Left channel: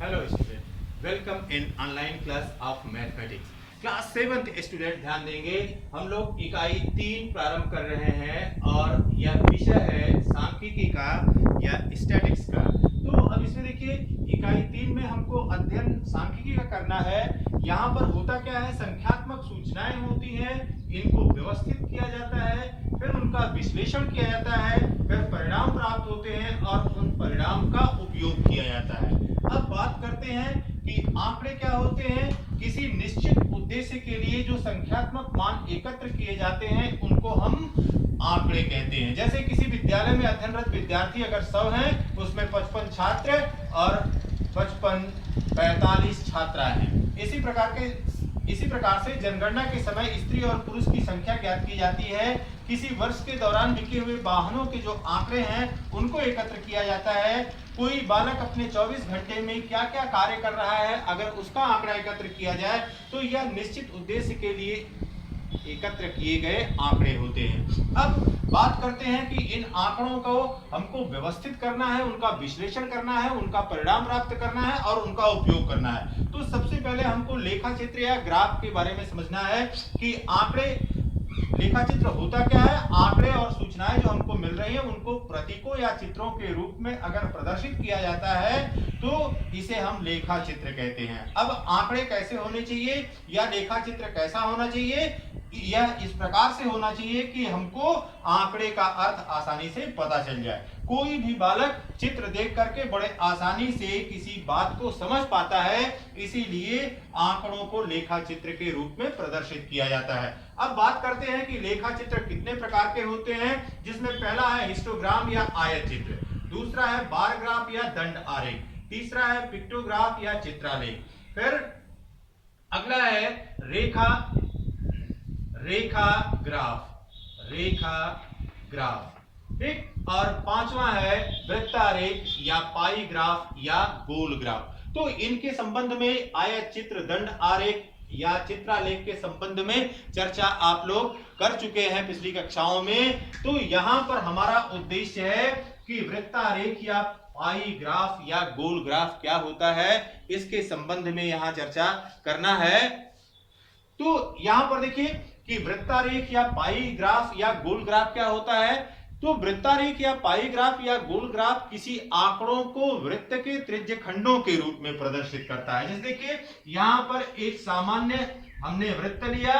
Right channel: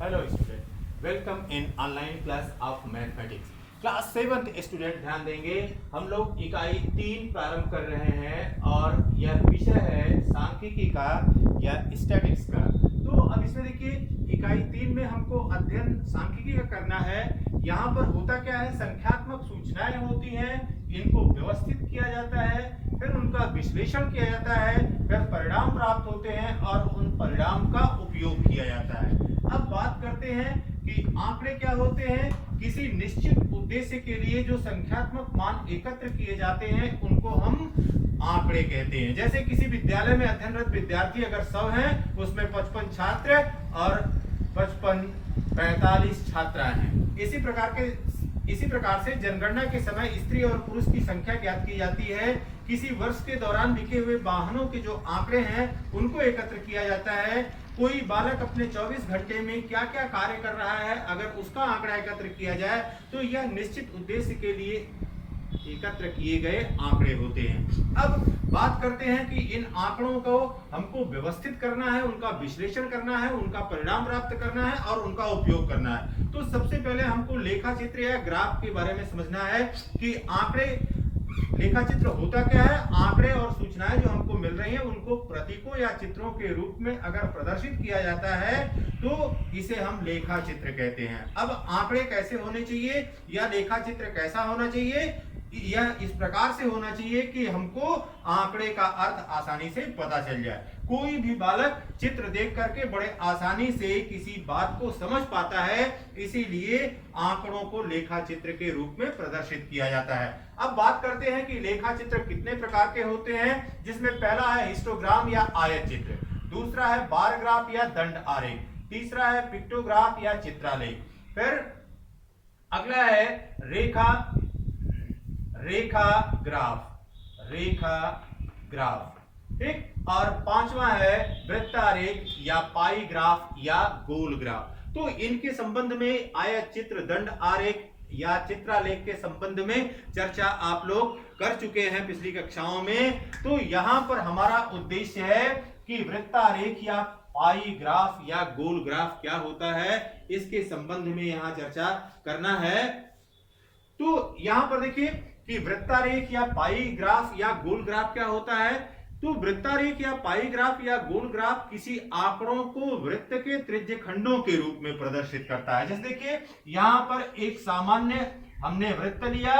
Hello student, welcome in online class of mathematics. Class 7th student ध्यान देंगे। हम लोग इकाई 3 प्रारंभ कर रहे हैं और यह विषय है सांख्यिकी का या स्टैटिक्स का। तो अब इसमें देखिए, इकाई 3 में हमको अध्ययन सांख्यिकी का करना है। यहाँ पर होता क्या है, संख्यात्मक सूचनाएं होती हैं, इनको व्यवस्थित किया जाता है, फिर उनका विश्लेषण किया जाता है, फिर परिणाम प्राप्त होते हैं और उन परिणाम का उपयोग किया जाता है। अब बात करते हैं कि आंकड़े क्या होते हैं। किसी निश्चित उद्देश्य के लिए जो संख्यात्मक मान एकत्र किए जाते हैं उनको हम आंकड़े कहते हैं। जैसे किसी विद्यालय में अध्ययनरत विद्यार्थी अगर 100 हैं, उसमें 55 छात्र और 45 छात्राएं हैं। इसी प्रकार से जनगणना के समय स्त्री और पुरुष की संख्या ज्ञात की जाती है। किसी वर्ष के दौरान बिके हुए वाहनों के जो आंकड़े हैं उनको एकत्र किया जाता है। कोई बालक अपने 24 घंटे में क्या क्या कार्य कर रहा है, अगर उसका आंकड़ा एकत्र किया जाए तो यह निश्चित उद्देश्य के लिए एकत्र किए गए आंकड़े होते हैं। अब बात करते हैं कि इन आंकड़ों को हमको व्यवस्थित करना है, उनका विश्लेषण करना है, उनका परिणाम प्राप्त करना है और उनका उपयोग करना है। तो सबसे पहले हमको लेखा चित्र या ग्राफ के बारे में समझना है कि आंकड़े, लेखा चित्र होता क्या है। आंकड़े और सूचनाएं जो हमको मिल रही हैं उनको प्रतीकों या चित्रों के रूप में अगर प्रदर्शित किया जाता है तो इसे हम लेखा चित्र कहते हैं। अब आंकड़े कैसे होने चाहिए या लेखा चित्र कैसा होना चाहिए, यह इस प्रकार से होना चाहिए कि हमको आंकड़े का अर्थ आसानी से पता चल जाए। कोई भी बालक चित्र देख करके बड़े आसानी से किसी बात को समझ पाता है, इसीलिए आंकड़ों को लेखा चित्र के रूप में प्रदर्शित किया जाता है। अब बात करते हैं कि लेखा चित्र कितने प्रकार के होते हैं, जिसमें पहला है हिस्टोग्राम या आयत चित्र, दूसरा है बार ग्राफ या दंड आरेख, तीसरा है पिक्टोग्राफ या चित्रालेख, फिर अगला है रेखा ग्राफ, ठीक, और पांचवा है वृत्तारेख या पाई ग्राफ या गोल ग्राफ। तो इनके संबंध में आयत चित्र, दंड आरेख या चित्रालेख के संबंध में चर्चा आप लोग कर चुके हैं पिछली कक्षाओं में। तो यहां पर हमारा उद्देश्य है कि वृत्तारेख या पाई ग्राफ या गोल ग्राफ क्या होता है, इसके संबंध में यहां चर्चा करना है। तो यहां पर देखिए कि वृत्तारेख या पाई ग्राफ या गोल ग्राफ क्या होता है। तो वृत्तारेख या पाई ग्राफ या गोल ग्राफ किसी आंकड़ों को वृत्त के त्रिज्य खंडों के रूप में प्रदर्शित करता है। जैसे देखिए, यहां पर एक सामान्य हमने वृत्त लिया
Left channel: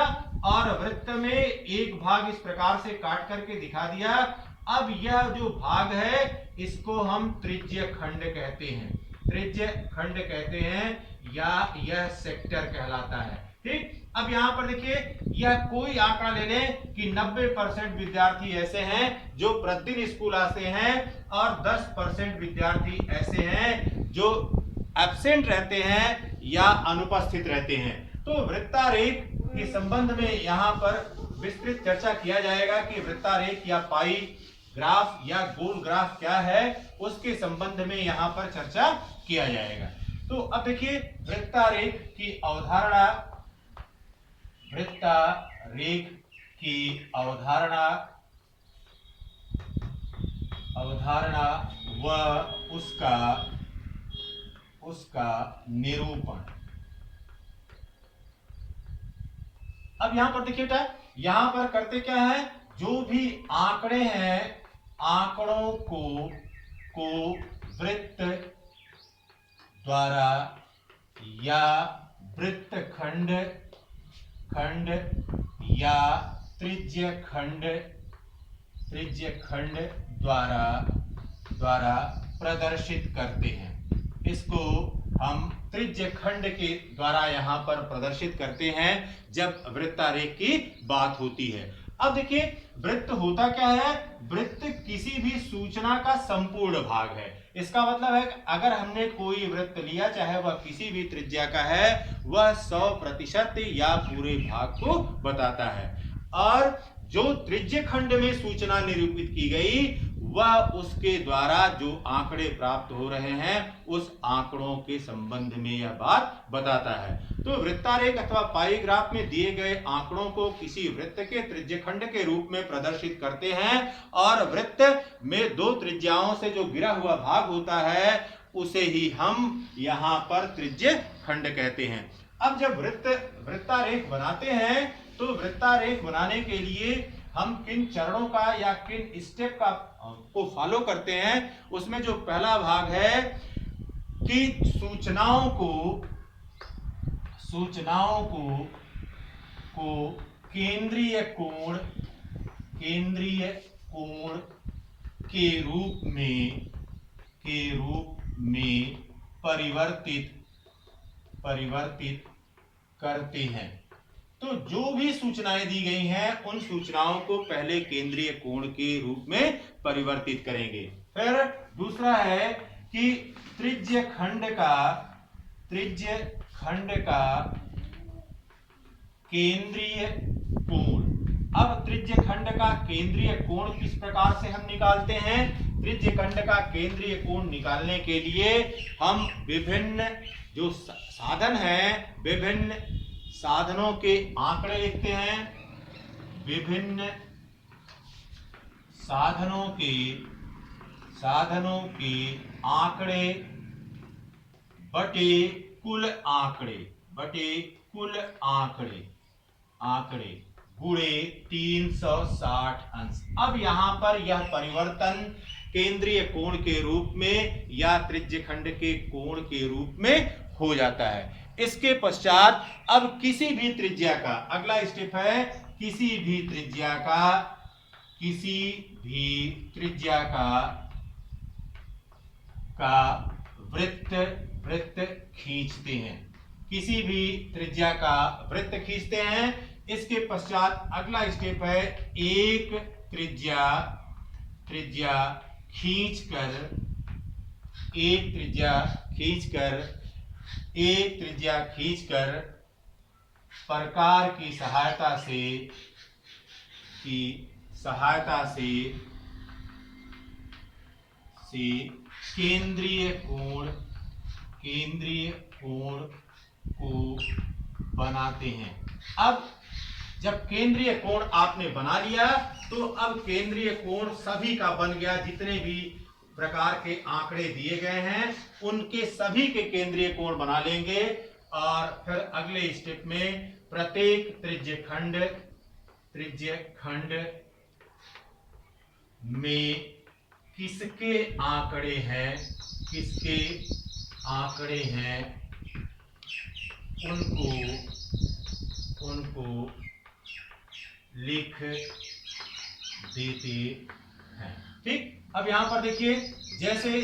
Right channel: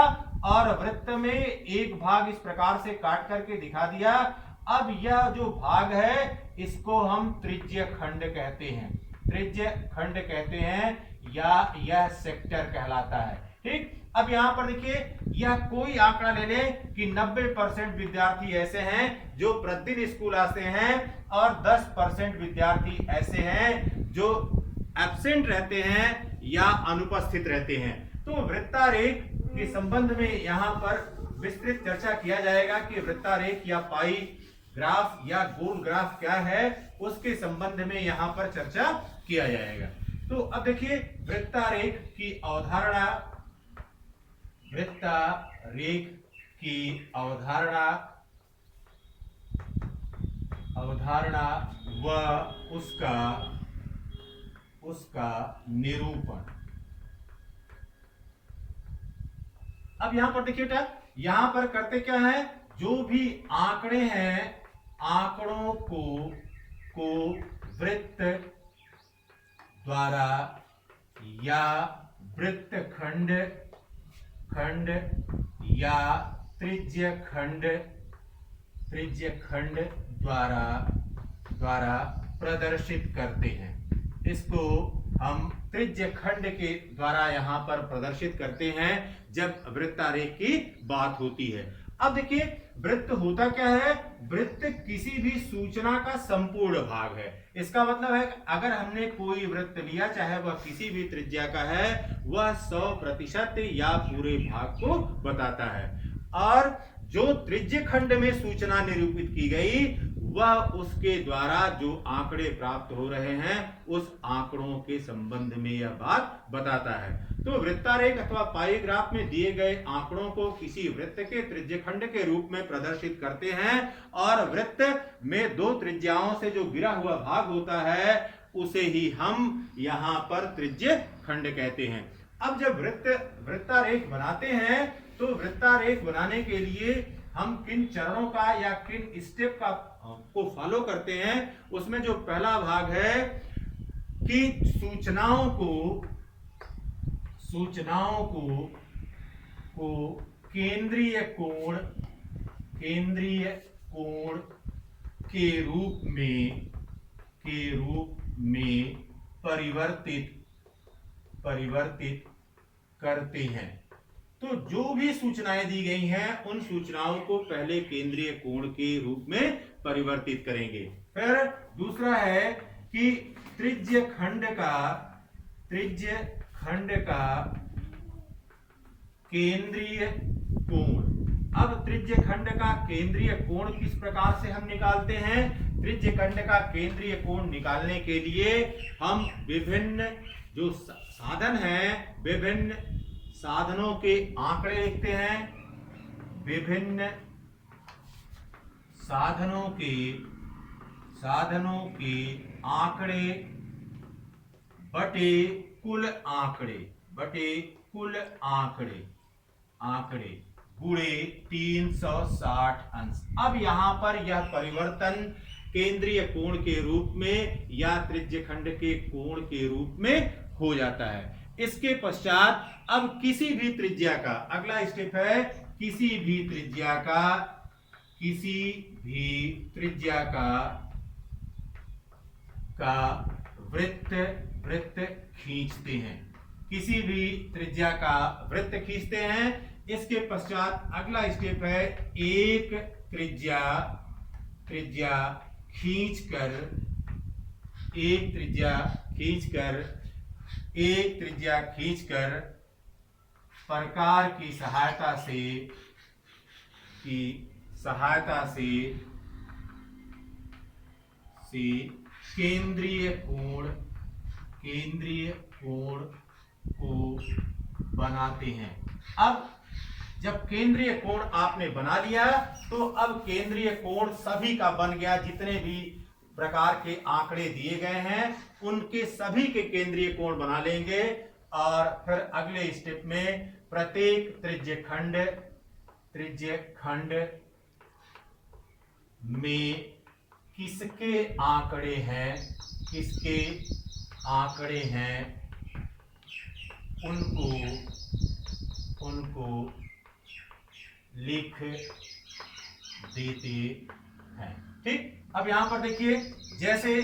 और वृत्त में एक भाग इस प्रकार से काट करके दिखा दिया। अब यह जो भाग है इसको हम त्रिज्य खंड कहते हैं, त्रिज्य खंड कहते हैं या यह सेक्टर कहलाता है, ठीक। अब यहां पर देखिए, यह कोई आंकड़ा ले लें कि 90% विद्यार्थी ऐसे हैं जो प्रतिदिन स्कूल आते हैं और 10% विद्यार्थी ऐसे हैं जो एब्सेंट रहते हैं या अनुपस्थित रहते हैं। तो वृत्तारेख के संबंध में यहां पर विस्तृत चर्चा किया जाएगा कि वृत्तारेख या पाई ग्राफ या गोल ग्राफ क्या है, उसके संबंध में यहां पर चर्चा किया जाएगा। तो अब देखिए, वृत्तारेख की अवधारणा, वृत्तारेख की अवधारणा व उसका निरूपण। अब यहां पर देखिए बेटा, यहां पर करते क्या है, जो भी आंकड़े हैं आंकड़ों को वृत्त द्वारा या वृत्त खंड या त्रिज्य खंड द्वारा प्रदर्शित करते हैं। इसको हम त्रिज्य खंड के द्वारा यहां पर प्रदर्शित करते हैं जब वृत्तारेख की बात होती है। अब देखिए, वृत्त होता क्या है, वृत्त किसी भी सूचना का संपूर्ण भाग है। इसका मतलब है अगर हमने कोई वृत्त लिया, चाहे वह किसी भी त्रिज्या का है, वह 100% या पूरे भाग को बताता है। और जो त्रिज्य खंड में सूचना निरूपित की गई वह उसके द्वारा जो आंकड़े प्राप्त हो रहे हैं उस आंकड़ों के संबंध में यह बात बताता है। तो वृत्तारेख अथवा पाई ग्राफ में दिए गए आंकड़ों को किसी वृत्त के त्रिज्य खंड के रूप में प्रदर्शित करते हैं और वृत्त में दो त्रिज्याओं से जो गिरा हुआ भाग होता है उसे ही हम यहाँ पर त्रिज्य खंड कहते हैं। अब जब वृत्तारेख बनाते हैं तो वृत्तारेख बनाने के लिए हम किन चरणों का या किन स्टेप का को फॉलो करते हैं, उसमें जो पहला भाग है कि सूचनाओं को केंद्रीय कोण के रूप में परिवर्तित करते हैं। तो जो भी सूचनाएं दी गई हैं उन सूचनाओं को पहले केंद्रीय कोण के रूप में परिवर्तित करेंगे। फिर दूसरा है कि त्रिज्य खंड का केंद्रीय कोण। अब त्रिज्य खंड का केंद्रीय कोण किस प्रकार से हम निकालते हैं? त्रिज्य खंड का केंद्रीय कोण निकालने के लिए हम विभिन्न जो साधन हैं, विभिन्न साधनों के आंकड़े लिखते हैं। विभिन्न साधनों के आंकड़े बटे कुल आंकड़े गुणे 360 अंश। अब यहां पर यह परिवर्तन केंद्रीय कोण के रूप में या त्रिज्य खंड के कोण के रूप में हो जाता है। इसके पश्चात अब किसी भी त्रिज्या का अगला स्टेप है, किसी भी त्रिज्या का वृत्त खींचते हैं। किसी भी त्रिज्या का वृत्त खींचते हैं। इसके पश्चात अगला स्टेप है एक त्रिज्या खींचकर प्रकार की सहायता से केंद्रीय कोण को बनाते हैं। अब जब केंद्रीय कोण आपने बना लिया तो अब केंद्रीय कोण सभी का बन गया। जितने भी प्रकार के आंकड़े दिए गए हैं उनके सभी के केंद्रीय कोण बना लेंगे और फिर अगले स्टेप में प्रत्येक त्रिज्य खंड में किसके आंकड़े हैं उनको लिख देते हैं। ठीक, अब यहां पर देखिए, जैसे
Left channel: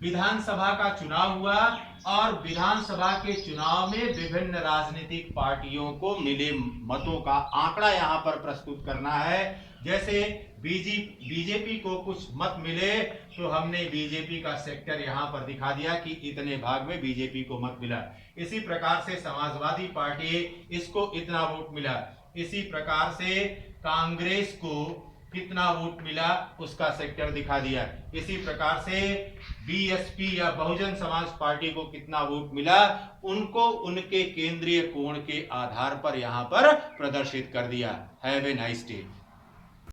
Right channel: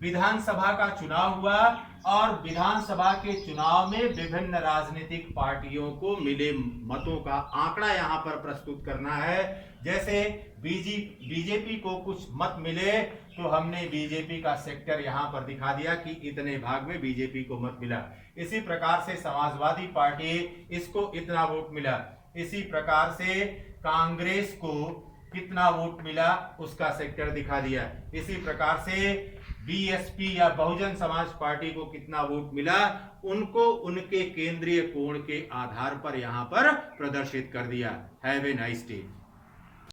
विधानसभा का चुनाव हुआ और विधानसभा के चुनाव में विभिन्न राजनीतिक पार्टियों को मिले मतों का आंकड़ा यहां पर प्रस्तुत करना है। जैसे बीजेपी को कुछ मत मिले तो हमने बीजेपी का सेक्टर यहां पर दिखा दिया कि इतने भाग में बीजेपी को मत मिला। इसी प्रकार से समाजवादी पार्टी, इसको इतना वोट मिला। इसी प्रकार से कांग्रेस को कितना वोट मिला उसका सेक्टर दिखा दिया। इसी प्रकार से बीएसपी या बहुजन समाज पार्टी को कितना वोट मिला उनको उनके केंद्रीय कोण के आधार पर यहां पर प्रदर्शित कर दिया। Have a nice day.